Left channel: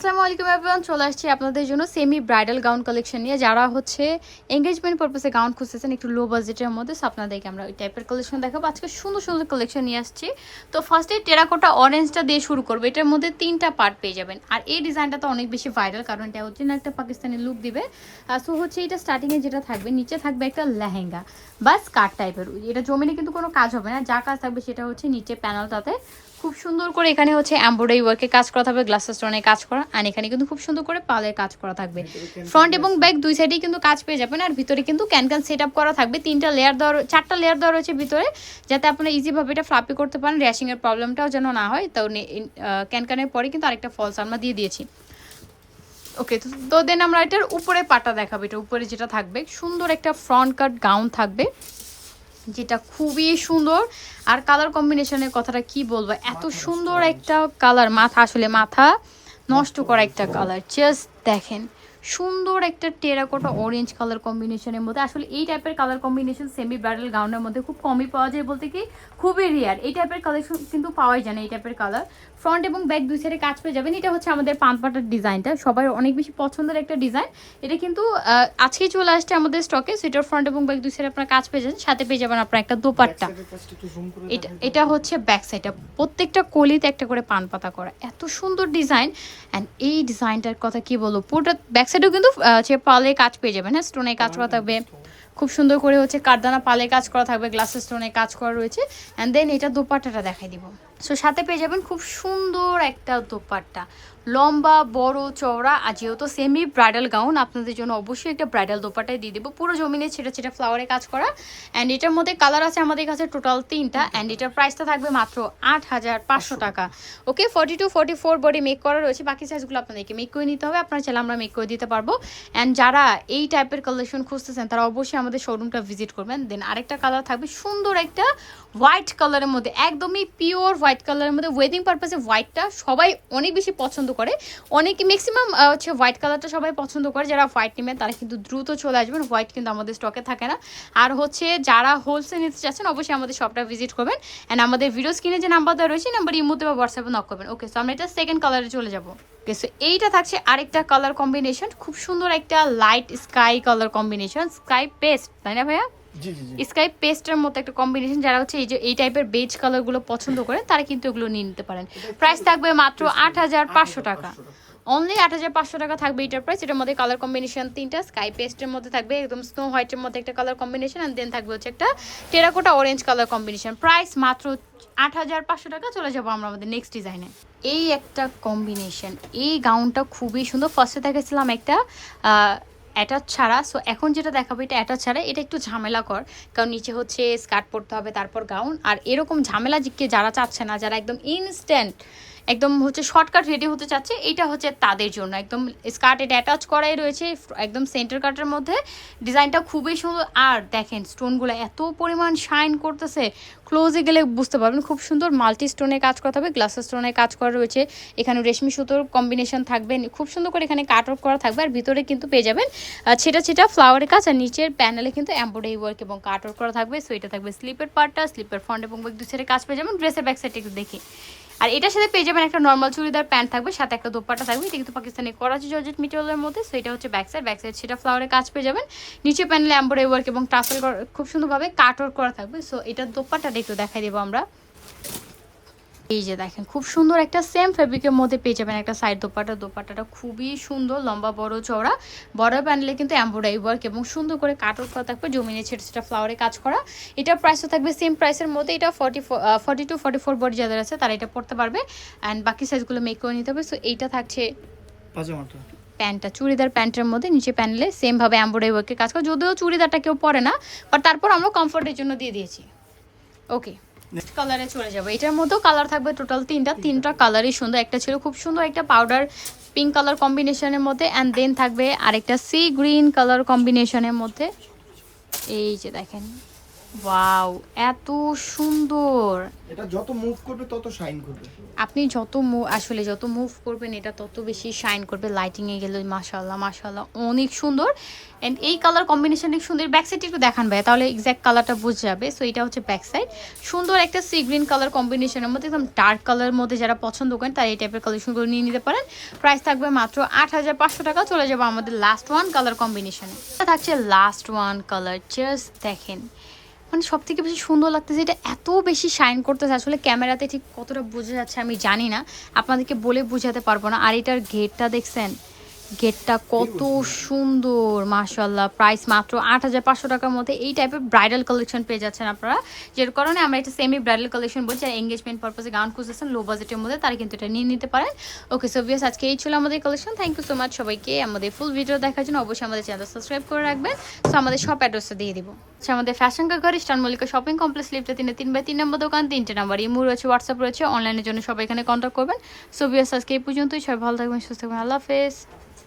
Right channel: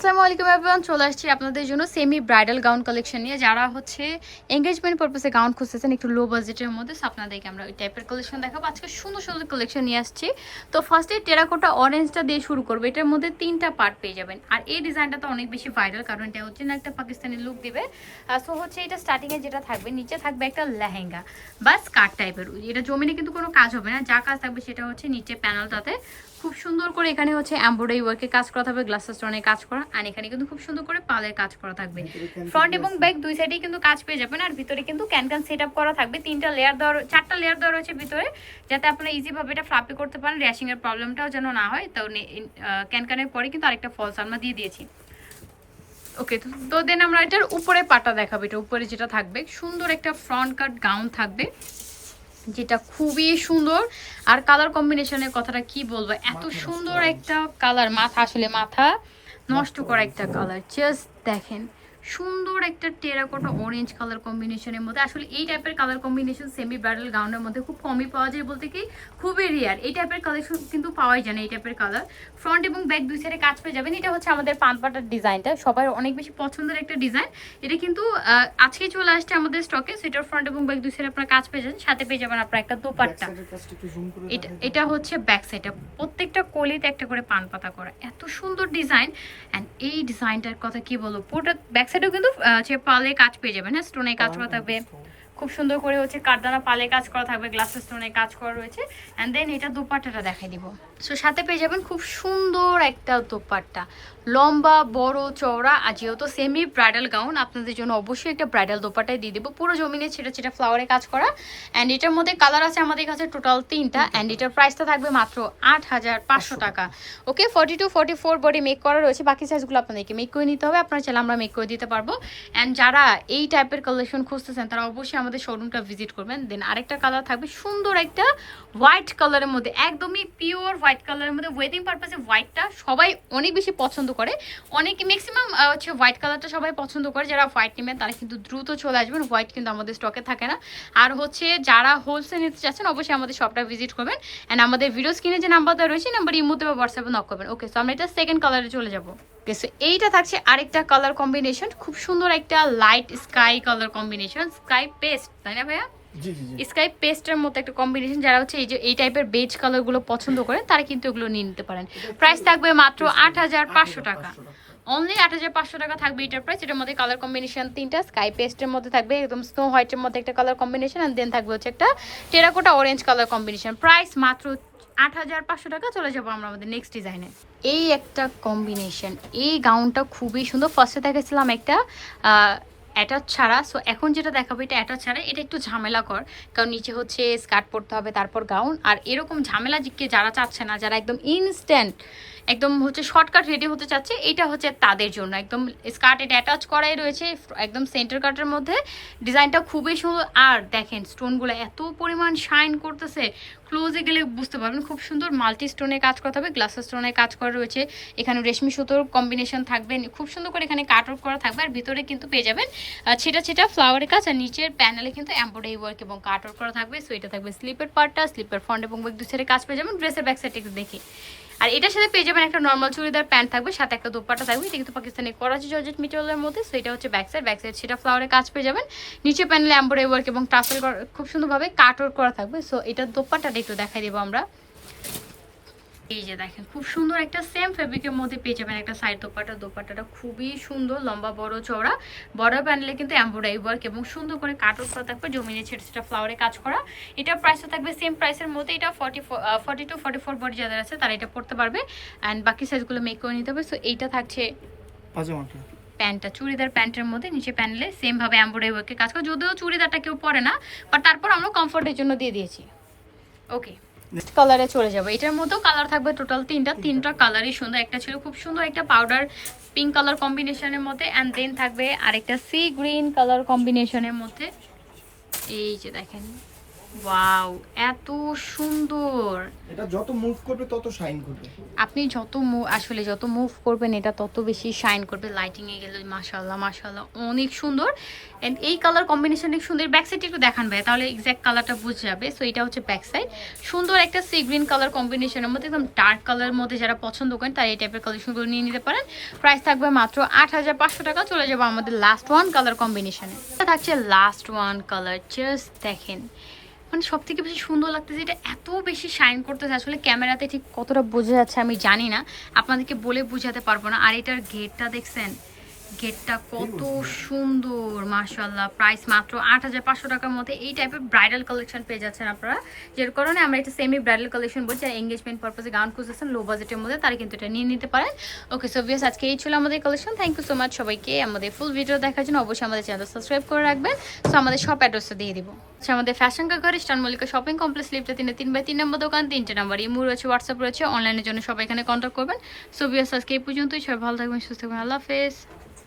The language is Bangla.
আসসালামু আলাইকুম এভরিওয়ান, চলে আসছি আপনাদের জন্য সেমি ব্রাইডাল গাউন কালেকশন নিয়ে। যারা হচ্ছে এঙ্গেজমেন্ট পারপাসে গাউন খুঁজতেছেন একটু লো বাজেটের মধ্যে, সো আপনাদেরকে আমরা ওই টাইপের কালেকশন দেখাবো। আজকে সুন্দর সুন্দর কালেকশন নিয়ে আসছি। তো ফার্স্টে টেরাকোটা অরেঞ্জটা দিয়ে শুরু করবো। এটার মধ্যে 3টা পার্ট পেয়ে যাবেন। আর এই ডিজাইনটা তো অনেক বেশি ভাইরাল, কারণ এটা হচ্ছে না একটা পাকিস্তানি লুক দিবে। সো হচ্ছে এটা স্টার্টিংয়ে যেটা থাকবে, নিচে থাকবে একটা লেহেঙ্গা বা স্কার্ট টাইপের। এটা জমিনে কিন্তু কোনো কাজ হবে না, যা কাজ থাকবে সেটা হচ্ছে নিচে প্যানেলটাতে খুব সুন্দর করে এখানে হচ্ছে এমব্রয়ডারি ওয়ার্কে কাজ করা থাকবে, গ্লাসের স্টোনে কাজ করা, আর এখানে কিন্তু খুব সুন্দর করে পালের কাজ করা থাকবে। ফ্রন্ট এবং ব্যাক দুই সাইডেই কিন্তু কাজ পেয়ে যাবেন। আর ভিতরে কিন্তু ক্যানক্যান সেট আপ করা থাকবে, 4টা লেয়ার দেওয়া রয়েছে ভিতরে, যাতে আপনারা ইজিভাবে এটা ফ্লাপি করতে পারেন, র্যাশিং এর প্রবলেমটাও যেন না হয়। তো ক্যানক্যানের পরে কিন্তু আরেকটা ফলস আমরা দিয়ে দিয়েছি। ওকে, তো দেন আমরা এটার উপরে পাটা দেখাবো। এটা উপরে যেটা থাকবে, সুন্দর একটা ফ্রন্ট কাট গাউন থাকবে, যেটা খুবই সুন্দর। আর কালার কম্বিনেশনের কথাটা কি বলবো, এত সুন্দর একটা কালার, মাথা নষ্ট করা একটা কালার। জাস্ট দেখেন, সুন্দর একটা টেরাকোটা অরেঞ্জ কালার কম্বিনেশনের মধ্যে। আসলে এই টাইপের কালার কম্বিনেশন সেমি ব্রাইডাল গাউনের মধ্যে খুব কমই পাওয়া যায়, বলতে কি খুবই রেয়ার। এই টাইপের কালেকশন কিন্তু পাওয়াই যায় না, এই টাইপের কালার। ফ্রন্ট এবং ব্যাক দুই সাইডে কাজ পেয়ে যাবেন। এটা হচ্ছে আমাদের পানপাটার ডিজাইনটা, সবাই অনেক বেশি পছন্দের একটা ডিজাইন। এটা কিন্তু আজকেই চলে আসছে আমাদের স্টকে। সুইটার ফ্রন্ট এবং ব্যাক দুই সাইডে আপনারা কাজ পেয়ে যাবেন, সাথে পেয়ে যাবেন আপনার একটা দোপাট্টা। এটা হচ্ছে ব্যাক সাইডটা, প্রত্যেকটা কলিতে একটা করে পান পাতা করা, এত সুন্দর ডিজাইন। অ্যান্ড এই ডিজাইনটার কথা কি বলবো, পুরোটা ব্যাক সাইডেও কিন্তু পালে কাজ পেয়ে যাবেন। হ্যাঁ, স্টোনে কাজ করা থাকবে, খুব সুন্দর করে হচ্ছে কারদানা পালে কাজ করা থাকবে, গ্লাসের স্টোনে কাজ করা রয়েছে। অ্যান্ড দেন এটা দোপাট্টাটা দেখাই দিব। সো সাথে পেয়ে যাবেন খুব সুন্দর একটা দোপাট্টা, লম্বা বড় চওড়া। আর যেহেতু সেমি ব্রাইডাল গাউন, আপনাদের জন্য অবশ্যই একটা ব্রাইডাল দোপাট্টাই দিয়ে দেবো, পুরো জমিনে ছেটা ছেটা ফ্লাওয়ারে কাজ করা। অ্যান্ড এটার মধ্যে কালার আছে আমাদের কাছে টোটাল 3টা। অ্যান্ড এটার প্রাইসটা থাকবে মাত্র 8500 টাকা। ওকে, 42-44 বডি মেক করা রয়েছে, বাকি সাইজগুলো আপনাদেরকে মেক করে নিতে হবে। আপনারা চাইলে আমরা মেক করে দিতে পারবো। অ্যান্ড যারা এই টাইপের কালেকশন খুঁজতেছেন, তারা অবশ্যই আমাদের শোরুমটা ভিজিট করবেন। দেন আরেকটা কালার থাকবে সুন্দর একটা হোয়াইট কালারের মধ্যে, একদমই পিওর হোয়াইট কালারের মধ্যে। ওয়েডিং পারপাসে হোয়াইটটা সবাই অনেক বেশি পছন্দ করে, অনেকে ম্যাক্সিমাম হচ্ছে হোয়াইট কালারটা সবাই পছন্দ করে। যারা হোয়াইট নেবেন তারা কিন্তু দ্রুত চলে আসবেন, হোয়াইট কিন্তু আমাদের স্টকে থাকে না। আর হচ্ছে যারা হোলসেল নিতে চাচ্ছেন, অবশ্যই আমাদের শপটা ভিজিট করবেন। অ্যান্ড আমাদের ভিডিও স্ক্রিনে যে নাম্বারটা রয়েছে, নাম্বার ইমোতে বা হোয়াটসঅ্যাপে নক করবেন। ওকে, সো আমরা এটা সেকেন্ড কালারে চলে যাবো। ওকে, সো এইটা থাকছে আরেকটা কালার কম্বিনেশন, খুব সুন্দর একটা light sky colour combination, sky paste, তাই না ভাইয়া? স্কাই পেস্টের মতো একটা কম্বিনেশন। যারা হচ্ছে এই টাইপের বেজ কালার গুলো পছন্দ করেন, তারা কিন্তু এগুলো নিয়ে নিতে পারেন। প্রাইস থাকবে মাত্র 8500 টাকা, অনলি 8500 টাকা থাকবে এটার প্রাইস। এটার মধ্যে কালার কম্বিনেশন 3টা, স্কাই পেস্টের মধ্যে থাকবে একদম স্নো হোয়াইটের মধ্যে একটা কালার কম্বিনেশন, আর দেন থাকবে হচ্ছে একটা terracotta orange colour combination. Price মাত্র 8500 টাকা। চলে যাবো আমরা আমাদের নেক্সট ডিজাইনে। এই একটা কম্বিনেশন, এই গাউনটা খুবই সুন্দর। ফার্স্টে দেখেছিলাম একটা অ্যাটাচ ছাড়া, সো এখন যেটা দেখাবো এটা অ্যাটাচ ছাড়া। এটা একটু ঝামেলা কর, কারণ নিচে হচ্ছে স্কার্ট পরতে হবে, তারপর গাউন। আর এরকম ঝামেলা জিকে যারা চাচ্ছে না, যারা একদম ইনস্ট্যান্ট একদম হচ্ছে শর্টকাট রেডি হতে চাচ্ছে, এটা হচ্ছে তাদের জন্য। একদম স্কার্ট এটা অ্যাটাচ করাই রয়েছে, একদম সেন্টার কাটের মধ্যে। ডিজাইনটা খুবই সুন্দর। আর দেখেন স্টোনগুলো এত পরিমাণ শাইন করতেছে, ক্লোজে গেলে বুঝতে পারবেন। খুব সুন্দর মাল্টি স্টোনে কাজ করা হবে, গ্লাসের স্টোনে কাজ করা রয়েছে, এখানে রেশমি সুতোর কম্বিনেশন থাকবে, খুব সুন্দর করে এখানে কাট আউট করা থাকবে। আর ভিতরে কিন্তু পেয়ে যাবেন ছিটা ছিটা ফ্লাওয়ারের কাজ, আর নিচের প্যানেলে কিন্তু এমব্রয়ডারি ওয়ার্ক এবং কাট আউট করা থাকবে। সো এটা থাকবে স্লিপের পার্টটা, স্লিপের ফ্রন্ট এবং ব্যাক দুই সাইডে কাজ পেয়ে যাবেন। ড্রেসের ব্যাক সাইড একটু দেখি। আর এটার সাথে পেয়ে যাবেন একটা নর্মাল চুড়িদার প্যান্ট থাকবে, সাথে একটা দোপাট্টা থাকবে। এটা কিন্তু পাকিস্তানি করাচি জর্জেট মেটেরিয়ালের মধ্যে। সো এটা হচ্ছে ব্যাক সাইড সেটা ফ্লাওয়ারের কাজ পেয়ে যাবেন। নিচে প্যানেলে এমব্রয়ডারি ওয়ার্ক এবং টাসেল খুব সুন্দরভাবে কাট আউট করা থাকবে। সো এটার দোপাট্টাটা একটু দেখাই দেবো আমরা। এই যে দেখেন, খুব সুন্দর একটা সেম ফেব্রিকের মধ্যে পেয়ে যাবেন একটা সাইড দোপাট্টা। দোপাট্টাটা খুবই সুন্দর, লম্বা বড় চওড়া, বড় প্যানেলে কিন্তু এমব্রয়ডারি ওয়ার্ক এবং সুন্দর করে কাট আউট করা থাকবে, জমিনে ছেটা ছেটা ফ্লাওয়ারে কাজ করা। এটার প্রাইসও থাকবে সেম প্রাইসের মধ্যে। এটা 42-44 বডি যাদের আছে তারা এটা পড়তে পারবে। অ্যান্ড বাকি সাইজগুলো মেক করে নিতে হবে। সো এইটা থাকছে পাজামাটা, প্যান্টটা চুড়িদার প্যান্টের মধ্যে, নিচে প্যানেলে সেম ভাবে এমব্রয়ডারি ওয়ার্কের কাজ করা। যদিও চুড়িদারটা কেউ পরে না, বাট তারপর আমরা কমফোর্টের জন্য দিয়ে দিয়েছি। ওকে, কালারে চলে যাবো। এটার মধ্যেও কালার থাকবে টোটাল 3টা কালারই সুন্দর। একটা ছিল খুব সুন্দর একটা পাউডার পিঙ্ক কালার কম্বিনেশনের মধ্যে, অ্যান্ড দেন থাকবে আরেকটা সি গ্রিন কালার কম্বিনেশনের মধ্যে। এই যে দেখেন, ওয়াও, এত সুন্দর। এটা যত মুভ করবে তত শাইন করবে। আপনি যত আসলে যত মুভ করবেন এটা তত বেশি শাইন করবে। লাইটিং এ গেলে মাশাআল্লাহ মাশাআল্লাহ অনেক সুন্দর। এন্ড এই কালার কম্বিনেশন অনেক সুন্দর। ব্যাক সাইড একটু দেখান ভাই, তাহলে এক্স্যাক্ট কালারটা বুঝে যাবে। সো এটা হচ্ছে ব্যাক সাইড। সুন্দর একটা সি গ্রিন কালার কম্বিনেশনের মধ্যে, একদম ডার্ক কালারের মধ্যে যারা পছন্দ করেন তারা এই টাইপের কালেকশনগুলো নিয়ে নিতে পারেন। প্রাইস থাকবে মাত্র 8500 টাকা। চলে যাবো আমাদের লাস্ট ওয়ান কালার কম্বিনেশনে। এটা থাকছে লাস্ট ওয়ান কালার, জাস্ট দেখেন মানে সব থেকে বেশি সুন্দর লাগতেছে। এটা এত বেশি শাইন করতেছে, আসলে ক্যামেরাতে ঠিক কতটা বোঝা যাচ্ছে আমি জানি না, আপনাদেরকে বলে বোঝাতে পারবো না। আর এটার গেটটা দেখছেন, গেটটা কত সুন্দর মাশাআল্লাহ। প্রাইস মাত্র 8500 টাকার মধ্যে এই টাইপের ব্রাইডাল কালেকশন পেয়ে যাচ্ছেন আপনারা, যের কারণে আমরা এটা সেমি ব্রাইডাল কালেকশন বলছি। আর এঙ্গেজমেন্ট পারপাসে গাউন খুঁজতেছেন লো বাজেটের মধ্যে, তারা কিন্তু এটা নিয়ে নিতে পারেন। ওকে সো ভিউয়ার্স, আজকে এই ছিল আমাদের collection. Thank you so much সবাইকে আমাদের ফুল ভিডিও দেখার জন্য। অবশ্যই আমাদের চ্যানেল সাবস্ক্রাইব করে রাখবেন। সো আমাদের শপ অ্যাড্রেসটা দিয়ে দিব। আমাদের ফ্যাশন কা ঘর ইস্টার্ন মল্লিকা শপিং কমপ্লেক্স লিফটে 3 নম্বর দোকান, 3টে নাম্বার ইমো রয়েছে, হোয়াটসঅ্যাপ রয়েছে। অনলাইনের জন্য সবাই এখানে কন্ট্যাক্ট করবেন। সো ভিউয়ার্স, আজকে এই পর্যন্তই। সবাই ভালো থাকবেন, সুস্থ থাকবেন। আল্লাহ হাফেজ।